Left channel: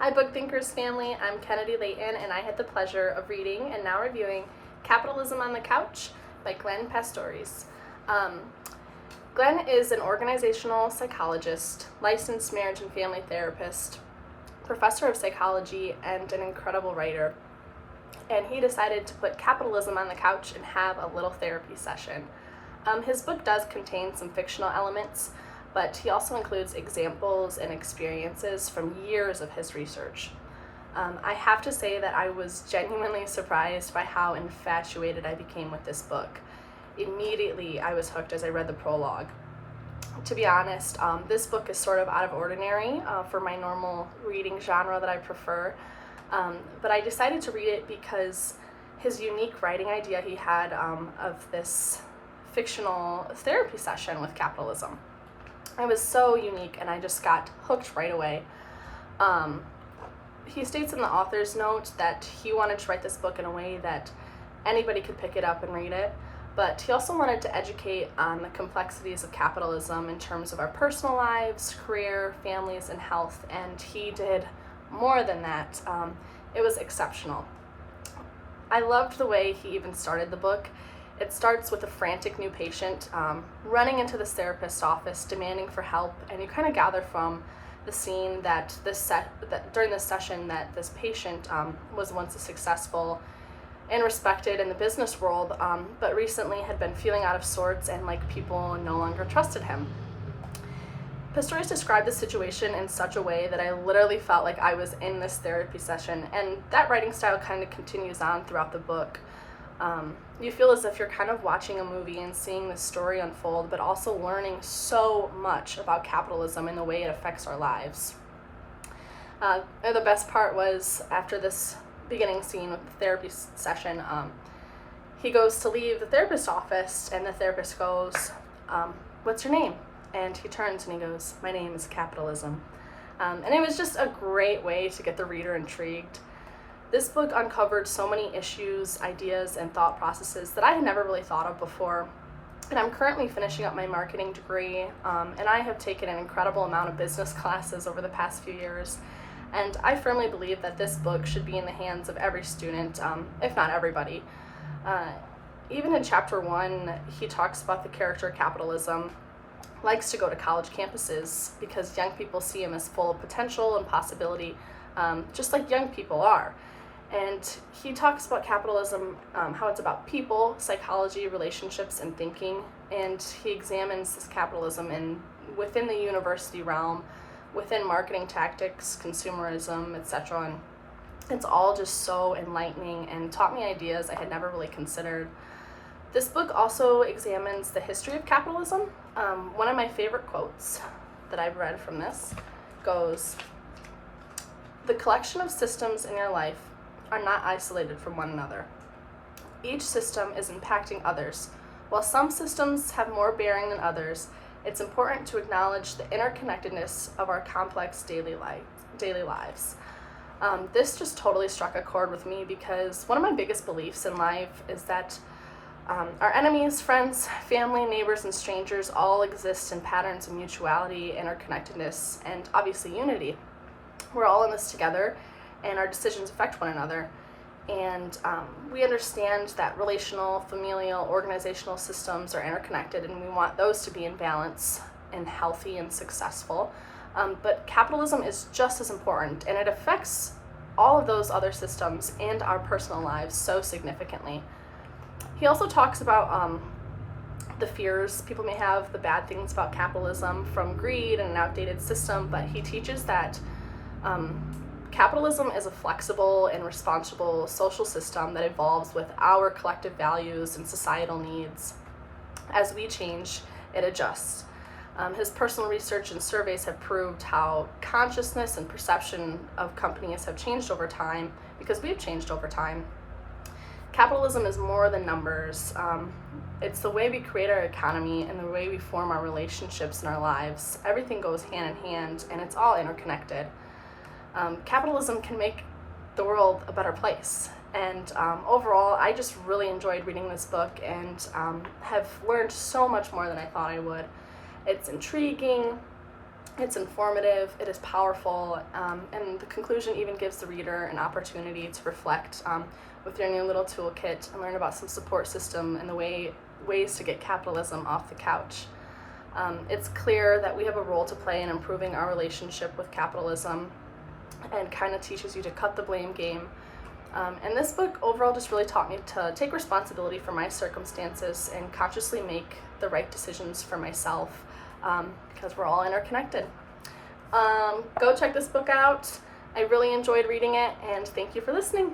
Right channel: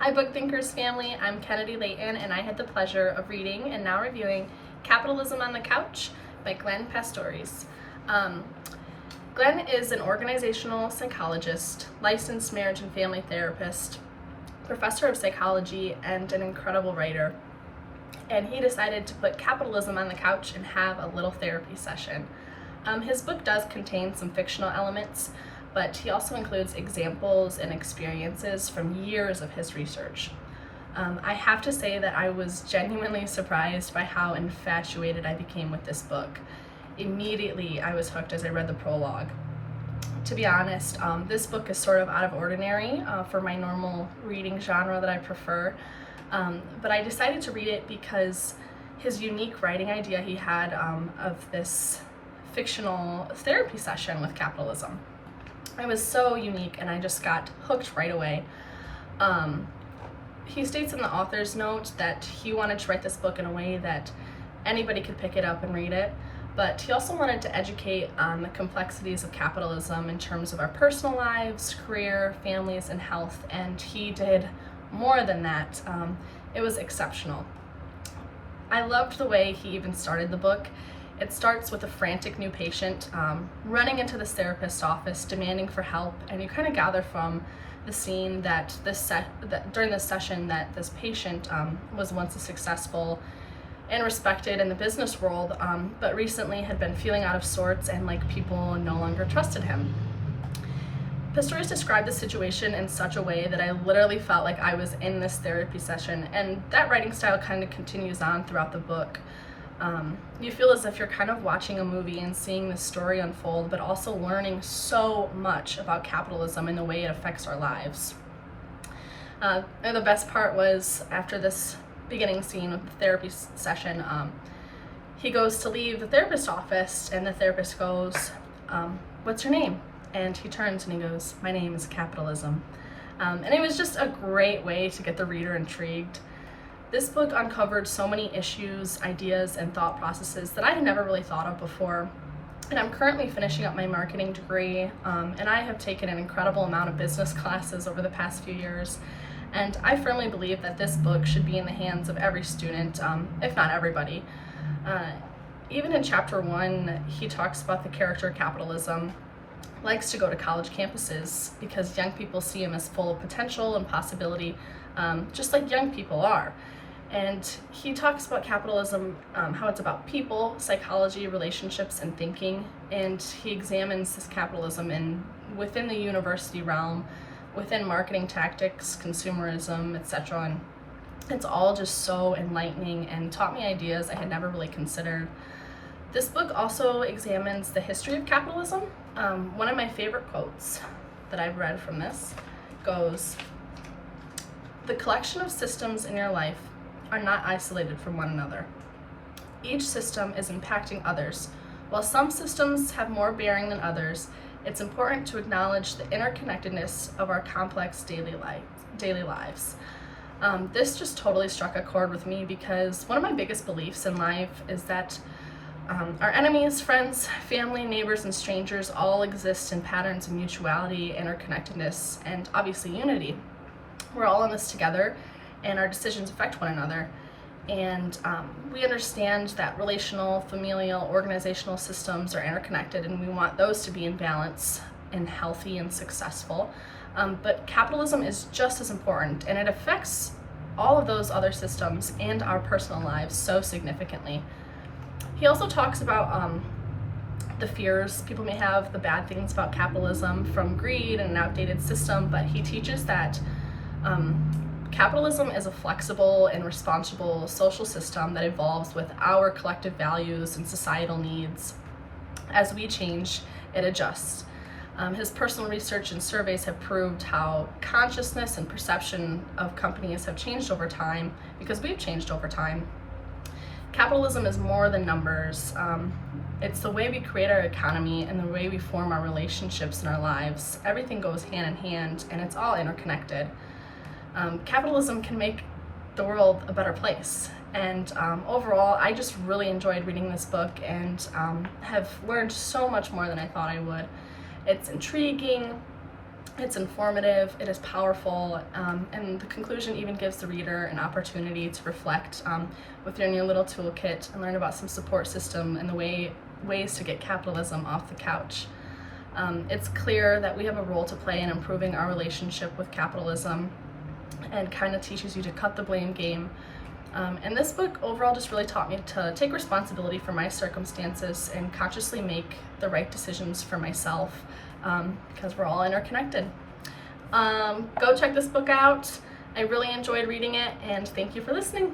Hi Book Thinkers family, I'm Kennedy Layton and I had the pleasure of reading and now reviewing Capitalism on the Couch by Glen. Glen is an organizational psychologist, licensed marriage and family therapist, professor of psychology, and an incredible writer. And he decided to put capitalism on the couch and have a little therapy session. His book does contain some fictional elements, but he also includes examples and experiences from years of his research. I have to say that I was genuinely surprised by how infatuated I became with this book. Immediately, I was hooked as I read the prologue. To be honest, this book is sort of out of ordinary for my normal reading genre that I prefer, but I decided to read it because his unique writing idea he had of this fictional therapy session with capitalism. It was so unique and I just got hooked right away. He states in the author's note that he wanted to write this book in a way that anybody could pick it up and read it, but he also wanted to educate on the complexities of capitalism in terms of our personal lives, career, families, and health, and he did more than that. It was exceptional. I loved the way he even started the book. It starts with a frantic new patient running into this therapist's office demanding for help, and you kind of gather from the scene that during this session that this patient was once a successful and respected in the business world, but recently had been feeling out of sorts and like people no longer trusted him. Pistorius described the situation in such a way that I literally felt like I was in this therapy session, and that writing style kind of continues on throughout the book. You feel as if you're kind of watching a movie and seeing this story unfold, but also learning so much about capitalism and the way it affects our lives. The best part was after this beginning scene with the therapy session, he goes to leave the therapist's office and the therapist goes, "What's your name?" And he turns and he goes, "My name is Capitalism." And it was just a great way to get the reader intrigued. This book uncovered so many issues, ideas, and thought processes that I had never really thought of before. And I'm currently finishing up my marketing degree, and I have taken an incredible amount of business classes over the past few years. And I firmly believe that this book should be in the hands of every student, if not everybody. Even in chapter 1, he talks about the character capitalism likes to go to college campuses because young people see him as full of potential and possibility, just like young people are. And he talks about capitalism, how it's about people, psychology, relationships, and thinking. And he examines this capitalism within the university realm, within marketing tactics, consumerism, etc. And it's all just so enlightening and taught me ideas I had never really considered. This book also examines the history of capitalism. One of my favorite quotes that I've read from this goes, "The collection of systems in your life are not isolated from one another. Each system is impacting others. While some systems have more bearing than others, it's important to acknowledge the interconnectedness of our complex daily lives." This just totally struck a chord with me because one of my biggest beliefs in life is that our enemies, friends, family, neighbors, and strangers all exist in patterns of mutuality, interconnectedness, and obviously unity. We're all in this together, and our decisions affect one another. And we understand that relational, familial, organizational systems are interconnected, and we want those to be in balance and healthy and successful. But capitalism is just as important, and it affects all of those other systems and our personal lives so significantly. He also talks about the fears people may have, the bad things about capitalism, from greed and an outdated system, but he teaches that capitalism is a flexible and responsible social system that evolves with our collective values and societal needs. As we change, it adjusts. His personal research and surveys have proved how consciousness and perception of companies have changed over time because we've changed over time. Capitalism is more than numbers. It's the way we create our economy and the way we form our relationships in our lives. Everything goes hand in hand, and it's all interconnected. Capitalism can make the world a better place. And overall, I just really enjoyed reading this book and have learned so much more than I thought I would. It's intriguing, It's informative, it is powerful, and the conclusion even gives the reader an opportunity to reflect with their new little toolkit and learn about some support system and the ways to get capitalism off the couch. It's clear that we have a role to play in improving our relationship with capitalism, and kind of teaches you to cut the blame game. And this book overall just really taught me to take responsibility for my circumstances and consciously make the right decisions for myself, because we're all interconnected. Go check this book out. I really enjoyed reading it, and thank you for listening.